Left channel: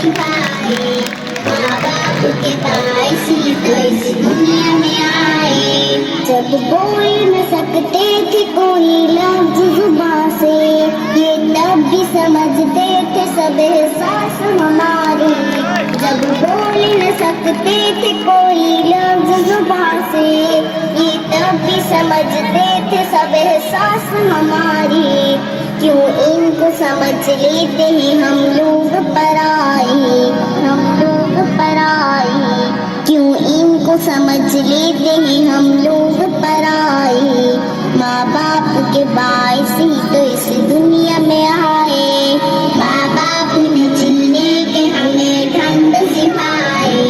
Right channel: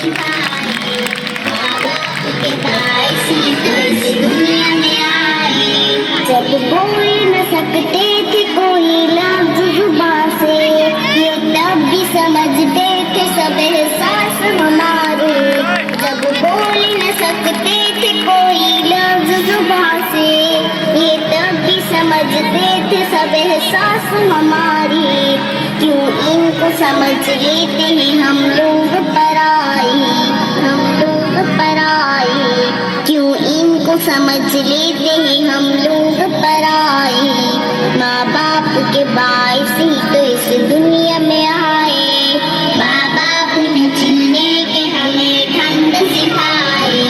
सिखाए, माँ बाप के बाइसी इस दुनिया में आए। जब बोल न सकते थे कोई लफ्ज़ जुबान से, ये तब भी समझते थे सब एहसास हमारे। जब बोल न सकते थे कोई लफ्ज़ जुबान से, ये तब भी समझते थे सब एहसास हमारे। क्यों इनको समझ लेते हैं हम लोग पराए, हम लोग पराए। क्यों इनको समझ लेते हैं हम लोग पराए। माँ बाप के बाइस ही तो इस दुनिया में आए। माँ बाप ने जीने के हमें ढंग सिखाए,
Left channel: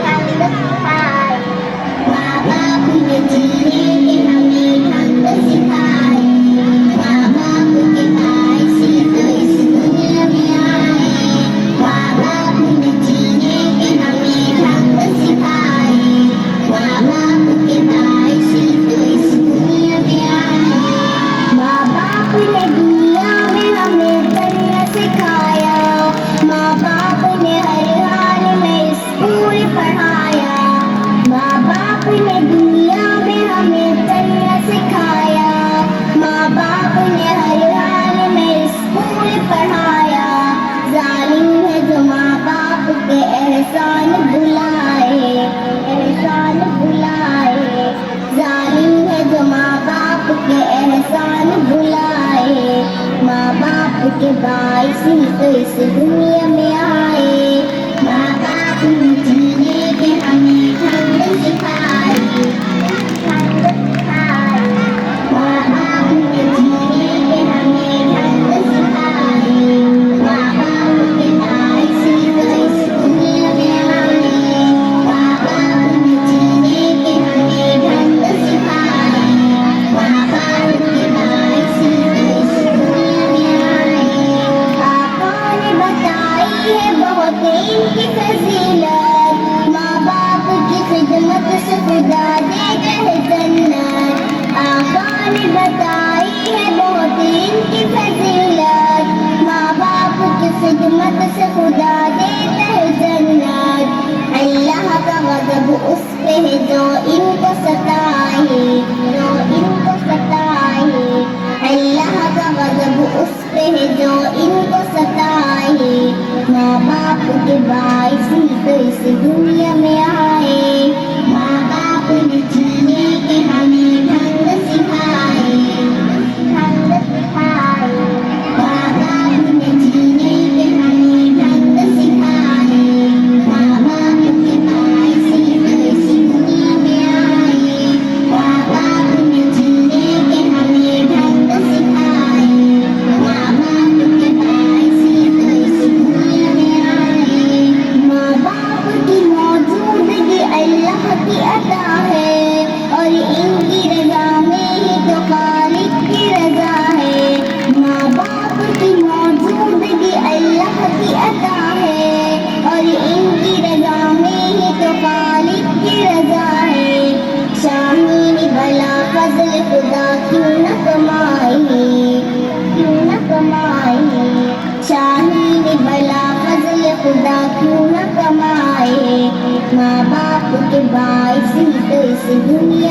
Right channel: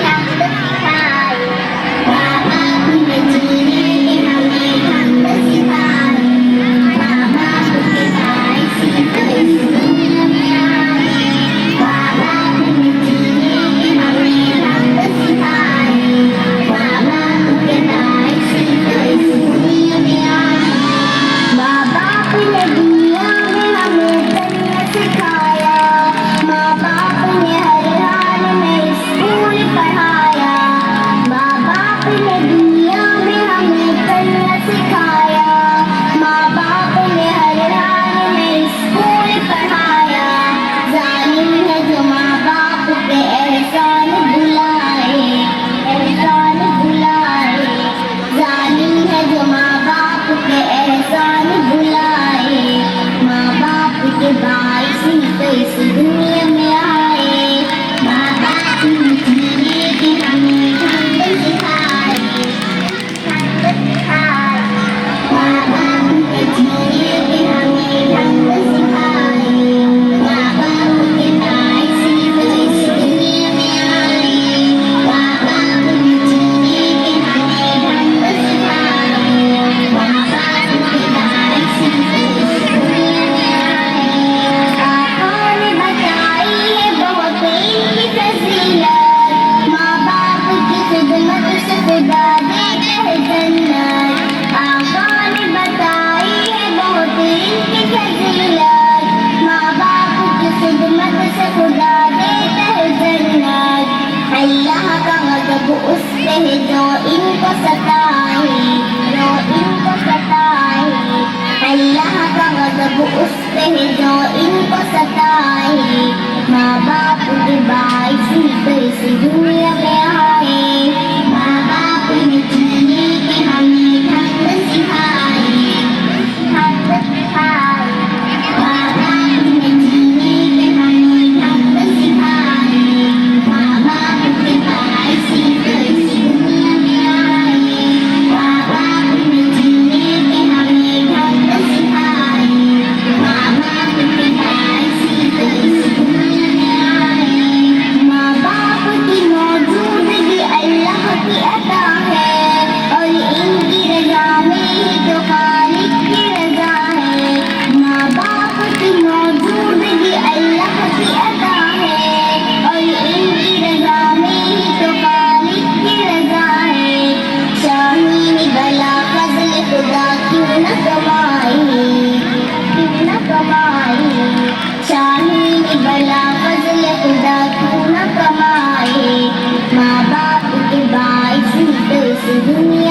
ढंग सिखाए। माँ बाप ने जीने के हमें ढंग सिखाए। माँ बाप के बाइस ही तो इस दुनिया में आए। माँ बाप ने जीने के हमें ढंग सिखाए। माँ बाप के बाइस ही तो इस दुनिया में आए। माँ बाप ने दुनिया में हमें तरीका सिखाया। माँ बाप ने हर हाल में स्कूल पढ़ाया। माँ बाप ने दुनिया में हमें तरीका सिखाया। माँ बाप ने हर हाल में स्कूल पढ़ाया। जालिम है जो माँ बाप पे एहसान भुलाए, एहसान भुलाए। जालिम है जो माँ बाप पे एहसान भुलाए। माँ बाप के बाइस ही तो इस दुनिया में आए। माँ बाप ने जीने के हमें ढंग सिखाए, ढंग सिखाए। माँ बाप ने जीने के हमें ढंग सिखाए। माँ बाप के बाइस ही तो इस दुनिया में आए। माँ बाप ने जीने के हमें ढंग सिखाए। माँ बाप के बाइस ही तो इस दुनिया में आए। आका ने बताई है बहुत इनकी फजीलत, माँ बाप की खिदमत से खुदा देता है जन्नत। आका ने बताई है बहुत इनकी फजीलत, माँ बाप की खिदमत से खुदा देता है जन्नत। अल्लाह का गज़ब उस पे है जो इनको सताए, जो इनको सताए। अल्लाह का गज़ब उस पे है जो इनको सताए। माँ बाप के बाइस ही तो इस दुनिया में आए। माँ बाप ने जीने के हमें ढंग सिखाए, ढंग सिखाए। माँ बाप ने जीने के हमें ढंग सिखाए। माँ बाप के बाइस ही तो इस दुनिया में आए। माँ बाप ने जीने के हमें ढंग सिखाए। माँ बाप के बाइस ही तो इस दुनिया में आए। माँ बाप की मौजूदगी अल्लाह की अता है, और इनकी रजा में है तो खालिक की रजा है। माँ बाप की मौजूदगी अल्लाह की अता है, और इनकी रजा में है तो खालिक की रजा है। शाहीन भला फजल खुदा क्यों न कमाए, क्यों न कमाए। शाहीन भला फजल खुदा क्यों न कमाए। माँ बाप के बाइस ही तो इस दुनिया